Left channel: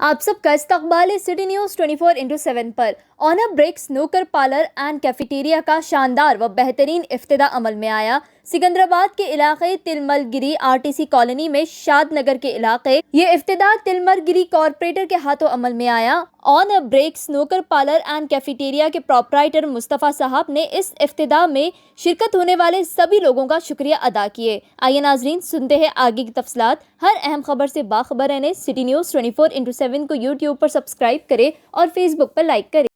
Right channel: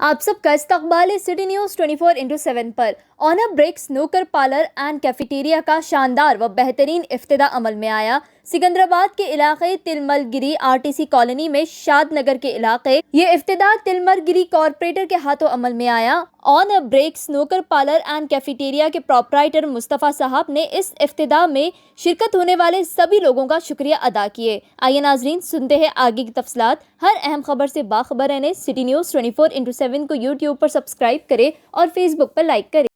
आप सबका इस्तकबाल है सिटी न्यूज़ 24/7 पर। On a Break snooker parlour and cafeteria का शानदार व बेहतरीन इफ्तिदा अमल में आया। सिकंदराबाद के इलाके तिलमलगिरी आरटीसी कॉलोनी में शाद नगर के इलाके ये इफ्तिदा तिलमलगिरी कॉरपोरेटर के हाथों अमल में आया। On a Break snooker parlour and cafeteria के प्रोपराइटर मुस्तफ़ा साहब ने इस इफ्तिदा में शिरकत होने वाले सभी लोगों का शुक्रिया अदा किए। आइए नाजरीन सुनते हैं आगे की तफसीलात। हर अहम खबर से बाखबर रहने सिटी न्यूज़ 24/7 को यूट्यूब पर सब्सक्राइब करें और फेसबुक पर लाइक करें।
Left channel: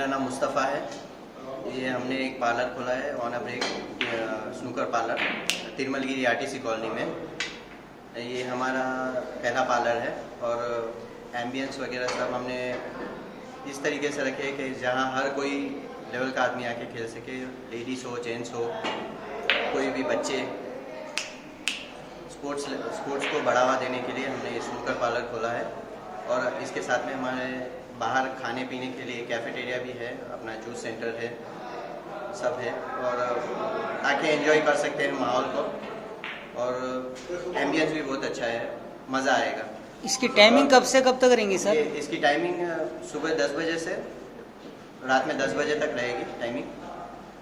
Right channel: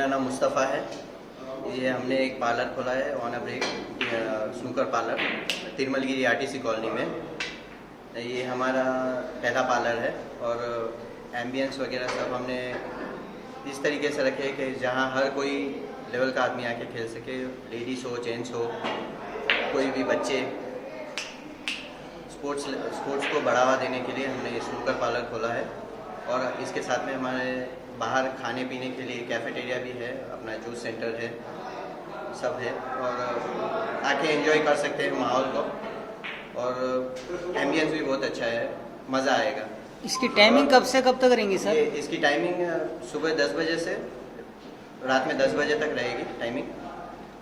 मेरा नाम मुस्तफ़ा है। ये हमने एक पार्लर खोला है On a Break snooker parlour Tirumalgherry RTC colony में। ये हमारा पहला पार्लर है और एम्बियंस वगैरह सब हमने इस तरीके से रखे कि जहाँ हर कोई लेवल का आदमी आके खेल सके, लेडीज़ हो जेंट्स हो कोई भी बच्चे। स्पोर्ट्स को बढ़ावा देने के लिए हमने ये स्नूकर पार्लर खोला है और इसके साथ में हमारे बाहर खाने पीने के लिए कैफेटेरिया भी है, अपना जूस सेंटर है, सब है और आके एंजॉय कर सकते हैं माहौल को और एम्बियंस भी बहुत अच्छा है, मज़ा आएगा। इसकी टाइमिंग कब से कब तक रहेंगी सर? इसकी टाइमिंग सुबह 10 बजे से रात में 10 बजे तक रहेगी टाइमिंग,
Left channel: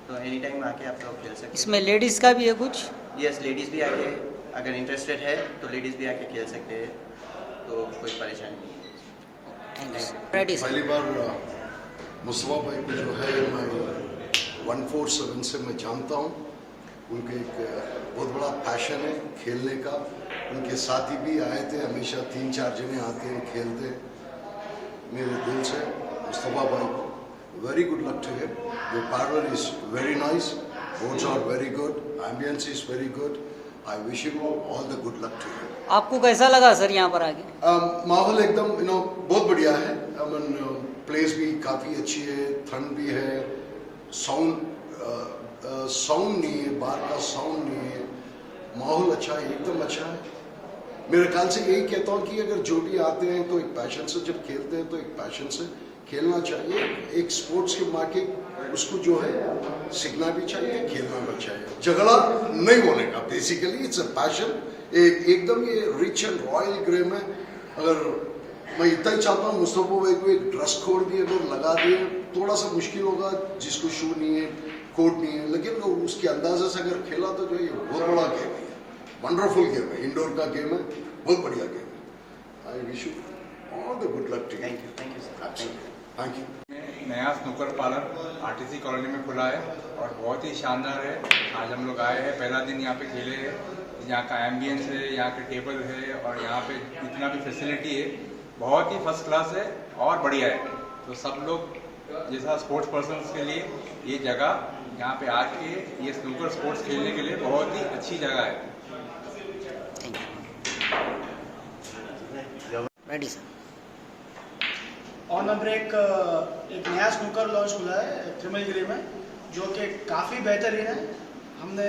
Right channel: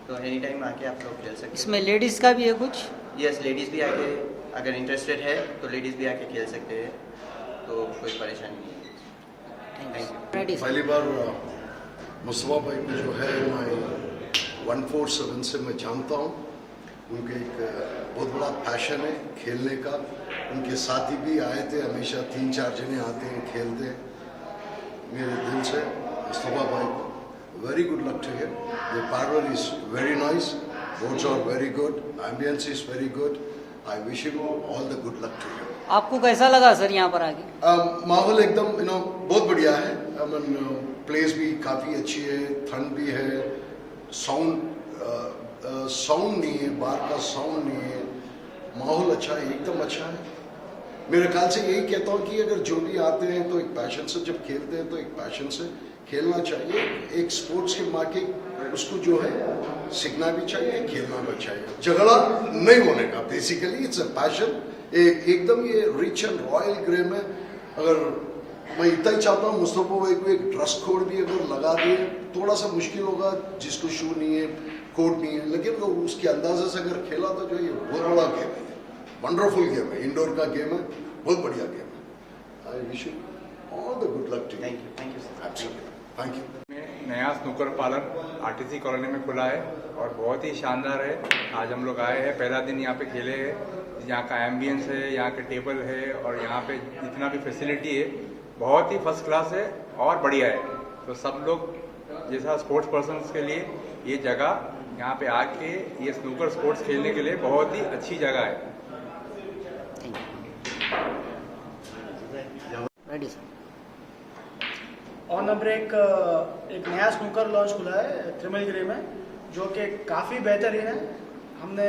तो एनी टाइम आके आप लोग खेल सकते हैं। इसमें लेडीज़ का भी है कुछ? यस, लेडीज़ भी आके अगर इंटरेस्टेड है तो लेडीज़ भी आके खेल सकते हैं, तो कोई परेशानी नहीं है। पहली बार मुस्तफ़ा भाई को जो है मैं 147 से मैं जानता हूँ। उनके एक बहुत बड़ा पैशन है खेलने का। उनके साथी भी आए थे, हमेशा 3-4 जने आते हैं खेलते हैं। मेरे दिल से मुस्तफ़ा भाई को very good luck to him. The parlour is very nice, roads are very good, ambience is very good. I wish him all the good luck to him. आपको कैसा लगा सर यहाँ पर आके? माहौल एकदम बहुत बढ़िया है। प्लेस भी काफ़ी अच्छी है, ठंड भी है, साउंड नहीं है, बाहर का साउंड नहीं है, माहौल अच्छा है, एकदम अच्छा है। मेरे ख्याल से यही कहता हूँ कि अगर जो भी आते हैं तो एक पैशन से जब खेलते हैं तो एक पैशन से खेलना चाहिए। एक स्पोर्ट्स के माँ के उसको जो है सीखना भी चाहिए, खेलना भी चाहिए। झगड़ा नहीं होने का, बेसिकली इट्स अ पैशन। एकदम ये रिच एंड रॉयल गेम है। अगर मैं इतना ही चाहता हूँ मुस्तफ़ा भाई को एक ड्रेस कोड भी अगर लगा दे, थोड़ा सा मुश्किल होगा जिसको शू नहीं है, कोट नहीं है, लेकिन अगर उसके अंदाजे से अगर खेला तो जो ये बहुत बड़ा गेम है, वंडरफुल गेम है, इंडोर का गेम है, बहुत बढ़िया गेम है। I wish you all the good luck too. Thank you sir, thank you. नया स्नूकर पार्लर आरटीसी कॉलोनी में खुला है और बहुत ही शानदार है। आज हम लोग आए हैं, पहला दिन यहाँ पे खेले हैं। यहाँ का एम्बियंस है, यहाँ के टेबल है और यहाँ पे जितना भी फैसिलिटी है बहुत ही फर्स्ट क्लास है और बढ़िया है। तो सब लोग जैसा स्पोर्ट्स पर्सन्स के लिए ये जगह यहाँ पे आके ये स्नूकर स्पोर्ट्स खेलने के लिए बहुत ही अच्छी जगह है। Ready sir. On a Break एक नया स्नूकर लॉन्च हुआ है तिरमलगिरी में, जो कि काफ़ी बेहतरीन है। हमने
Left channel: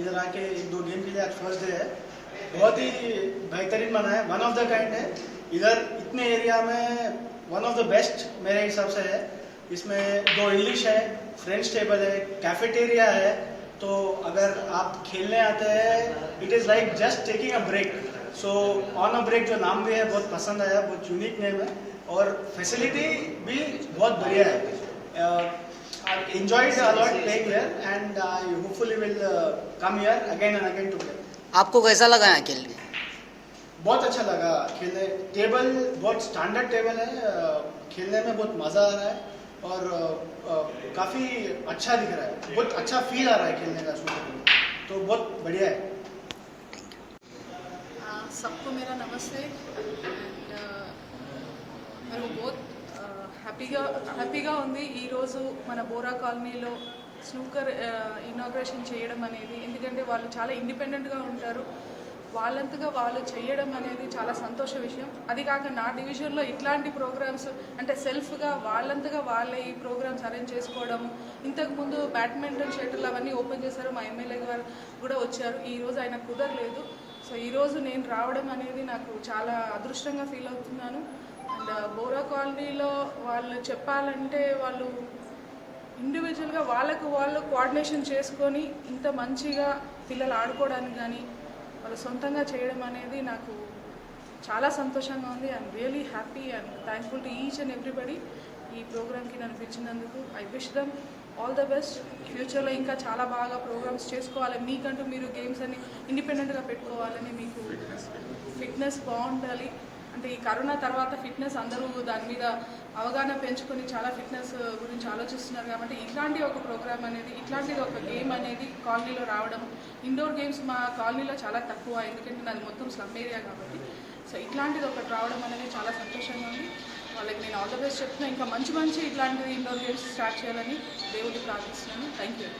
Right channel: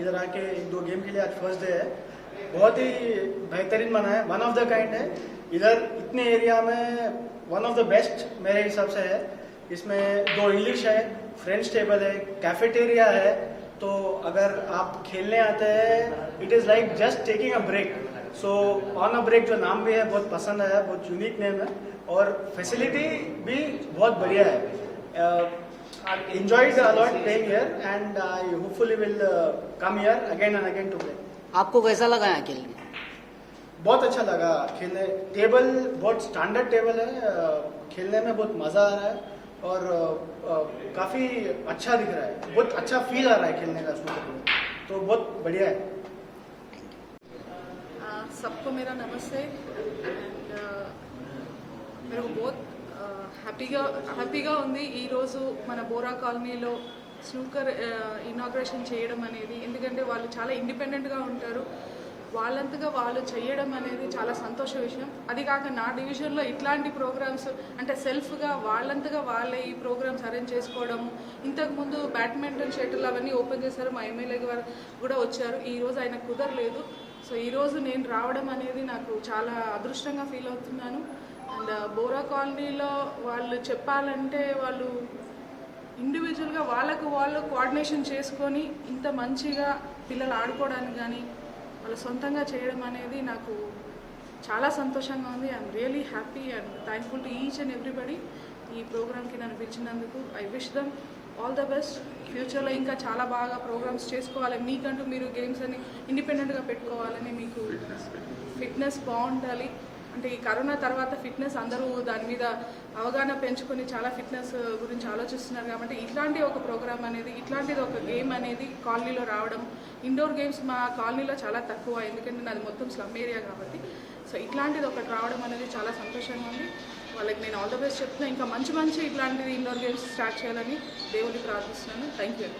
इधर आके 1-2 गेम के लिए आज फर्स्ट डे है, बहुत ही बेहतरीन बना है, वन ऑफ द काइंड है। इधर इतने एरिया में वन ऑफ द बेस्ट मेरे हिसाब से है। इसमें 2 इंग्लिश है, फ्रेंच टेबल है, कैफेटेरिया है। तो अगर आप खेलने आते हैं, it is like just taking a break. So On a Break जो नाम भी है बहुत पसंद आया, बहुत यूनिक नेम है और फैसिलिटी भी बहुत बढ़िया है। I enjoyed a lot playing here and I hopefully will come here again and again to play. आपको कैसा लगा यहाँ खेलने? बहुत अच्छा लगा खेलने। टेबल बहुत स्टैंडर्ड टेबल है, खेलने में बहुत मज़ा आ रहा है और काफ़ी अच्छा दिख रहा है, बहुत अच्छा फील आ रहा है खेलने का स्नूकर में, तो बहुत बढ़िया है। सबको मेरा नमस्ते एंड मेरे को बहुत హ్యాపీగా ఉంది ఈరోజు మన బోరా కాలనీలో స్నూకర్ ఇనాగ్రేషన్ చేయడం అనేది. ఎందుకంటే వాళ్ళు చాలా ఇండిపెండెంట్గా ఉంటారు, వాళ్ళంతగా వాళ్ళు చేయడం అనేది చాలా సంతోష విషయం. అది కాక నా డివిజన్లో ఇట్లాంటి ప్రోగ్రామ్స్ అంటే సెల్ఫ్గా వాళ్ళంతగా వాళ్ళే ఈ ప్రోగ్రామ్స్ అరేంజ్ చేసుకోవడం. ఇంతకుముందు బ్యాడ్మింటన్ షటిల్ అవన్నీ ఓపెన్ చేశారు, మా ఎమ్మెల్యే గారు కూడా వచ్చారు, ఈరోజు ఆయన కుదరలేదు. సో ఈరోజు నేను రావడం అనేది నాకు చాలా అదృష్టంగా ఫీల్ అవుతున్నాను. అండ్ బోరా కాలనీలో వాళ్ళు చెప్పాలంటే వాళ్ళు ఇండివిజువల్గా వాళ్ళకు వాళ్ళు కోఆర్డినేషన్ చేసుకొని ఇంత మంచిగా పిల్లలు ఆడుకోవడానికి కానీ వాళ్ళు సొంతంగా చేయడం అనేది నాకు చాలా సంతోషంగా ఉంది. I'm really happy and thankful to each and everybody ఈ ప్రోగ్రామ్కి నన్ను పిలిచినందుకు. I wish them all the best. ఫ్యూచర్లో ఇంకా చాలా బాగా ప్రోగ్రామ్స్ చేసుకోవాలి, మీకంటూ మీరు గేమ్స్ అని ఇండిపెండెంట్గా పెట్టుకోవాలని, మీకు ఫిట్నెస్ బాగుండాలి. అంటే ఈ కరోనా తర్వాత ఫిట్నెస్ అందరూ దాని మీద అవగాహన పెంచుకొని చాలా ఫిట్నెస్ గురించి ఆలోచిస్తున్నారు. కాబట్టి ఇట్లాంటి ఒక ప్రోగ్రామ్ అనేది, ఇట్లాంటిది ఒక గేమ్ అనేది కాలనీలో రావడం. ఇండోర్ గేమ్స్ మా కాలనీలో చాలా తక్కువ, ఎందుకంటే నాది మొత్తం స్లమ్ ఏరియా కాబట్టి. సో ఇట్లాంటిది ఒకటి రావడం అనేది చాలా సంతోషంగా ఉంది. వాళ్ళకి నేను ఆల్ ద బెస్ట్ చెప్తున్నా. ఇంకా మంచి మంచి ఇట్లాంటివి ఇండోర్ గేమ్స్ స్టార్ట్ చేయాలని దేవుడిని ప్రార్థిస్తున్నాను. Thank you.